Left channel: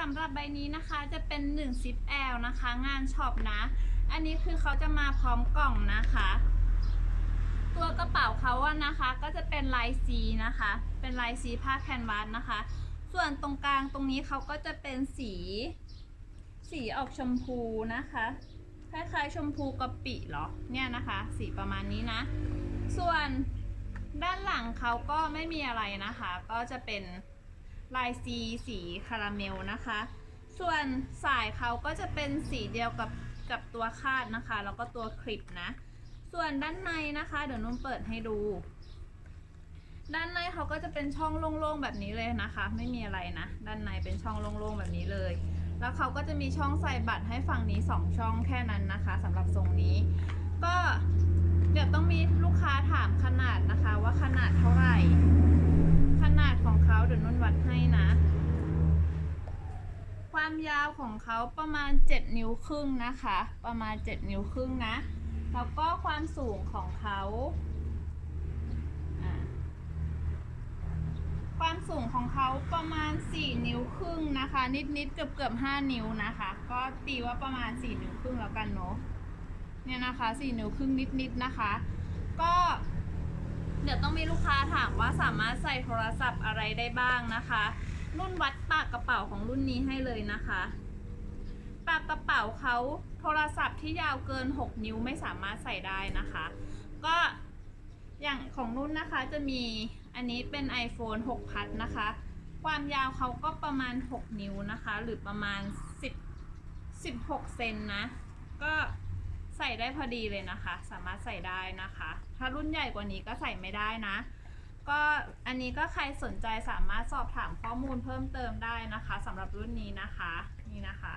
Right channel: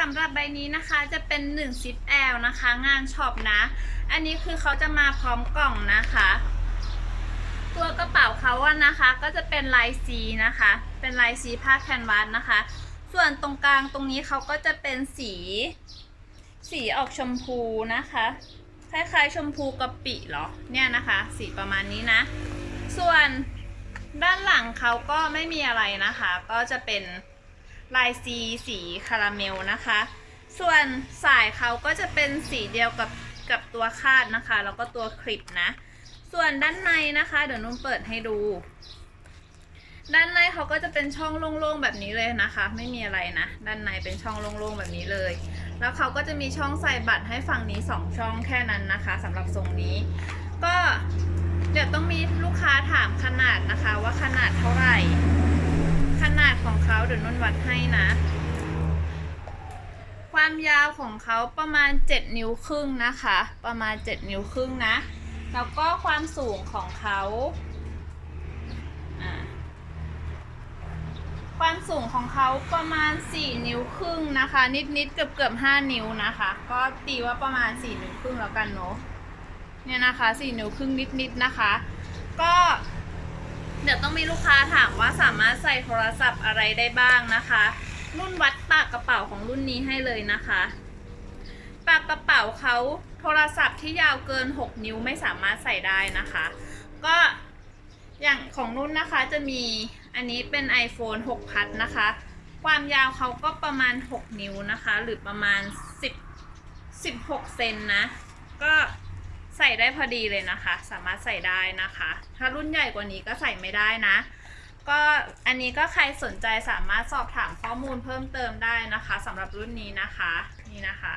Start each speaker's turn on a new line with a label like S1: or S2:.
S1: สำหรับใบนี้นะคะจะเป็น1ซิปแอลนะคะ งานช็อปนะ อันนี้คือเขาจะมาพร้อมกล่องนะคะ ตัวกระเป๋าเขาอะนะคะ ก็จะเป็นลายสีนะคะ เป็นลายสีผ้าแคนวาสนะคะ ส่วนตรงกลางตรงนี้เขาก็จะเป็นสี สีออกชมพูนะคะ คล้ายๆ ชมพูกะปิเหรอ เนี่ยนะคะ สีประมาณนี้นะ ส่วนด้านหลังเขาก็ไม่มีอะไรนะคะ ก็จะเป็น ลายสีสีคาราเมลนะคะ ส่วนสายเขาก็จะเป็นสีเดียวกับกับตัวคาดนะคะ แล้วก็ตัวคลิปนะ ส่วนด้านในนะคะ เดี๋ยวนุ่มเปิดให้ดู ด้านในเขาก็จะเป็นช่องโล่งๆแบบนี้เลยนะคะ ไม่มีอะไรนะ ด้านในเป็นช่องโล่งๆแบบนี้เลย แล้วเขาก็จะมีช่องใส่บัตรให้ฝั่งนี้สองช่องแค่นั้นนะคะสำหรับทรงนี้ ก็เดี๋ยวต้องมีลูกค้าถามขนาดนะคะว่าขนาดเท่าไหร่ เดี๋ยวนุ่นวัดให้นะ ความยาวของเขาประมาณ 7 นิ้วครึ่งนะคะ ประมาณ 7 นิ้วครึ่งนะ แล้วก็ความสูงของเขาความสูงของเขาประมาณ 4 นิ้วครึ่งนะคะ นิดๆเกือบเกือบ5นิ้วนะคะ ก็ตีว่าประมาณ 4 นิ้วครึ่งแล้วกันเนาะเนี่ยนะคะ 4 นิ้วครึ่งนิดๆนะคะ ก็ เดี๋ยวต้องมีลูกค้าถามว่าสามารถใส่โทรศัพท์อะไรได้บ้างนะคะ รุ่นวัดปากกระเป๋าของรุ่นนี้ให้เลยนะคะ ปากกระเป๋าเขาโทรศัพท์ที่ยาวเกิน 6 นิ้วไม่สามารถใส่ได้นะคะ ก็อย่างของนุ่นนะคะจะมีอันนี้เป็น iPhone 6 พัดนะคะ ความยาวเขาก็ประมาณ 6 นิ้วนะคะ หรือประมาณ 10 16 เซนนะ ส่ได้พอดีเลยนะคะ สามารถใส่ได้นะคะ ถ้ารุ่นใหญ่กว่านี้ก็ใส่ไม่ได้นะ ก็อันนี้ก็ใครสนใจสามารถสอบถามข้อมูลเพิ่มเติมได้นะคะสำหรับรุ่นนี้นะคะ นี่นะคะ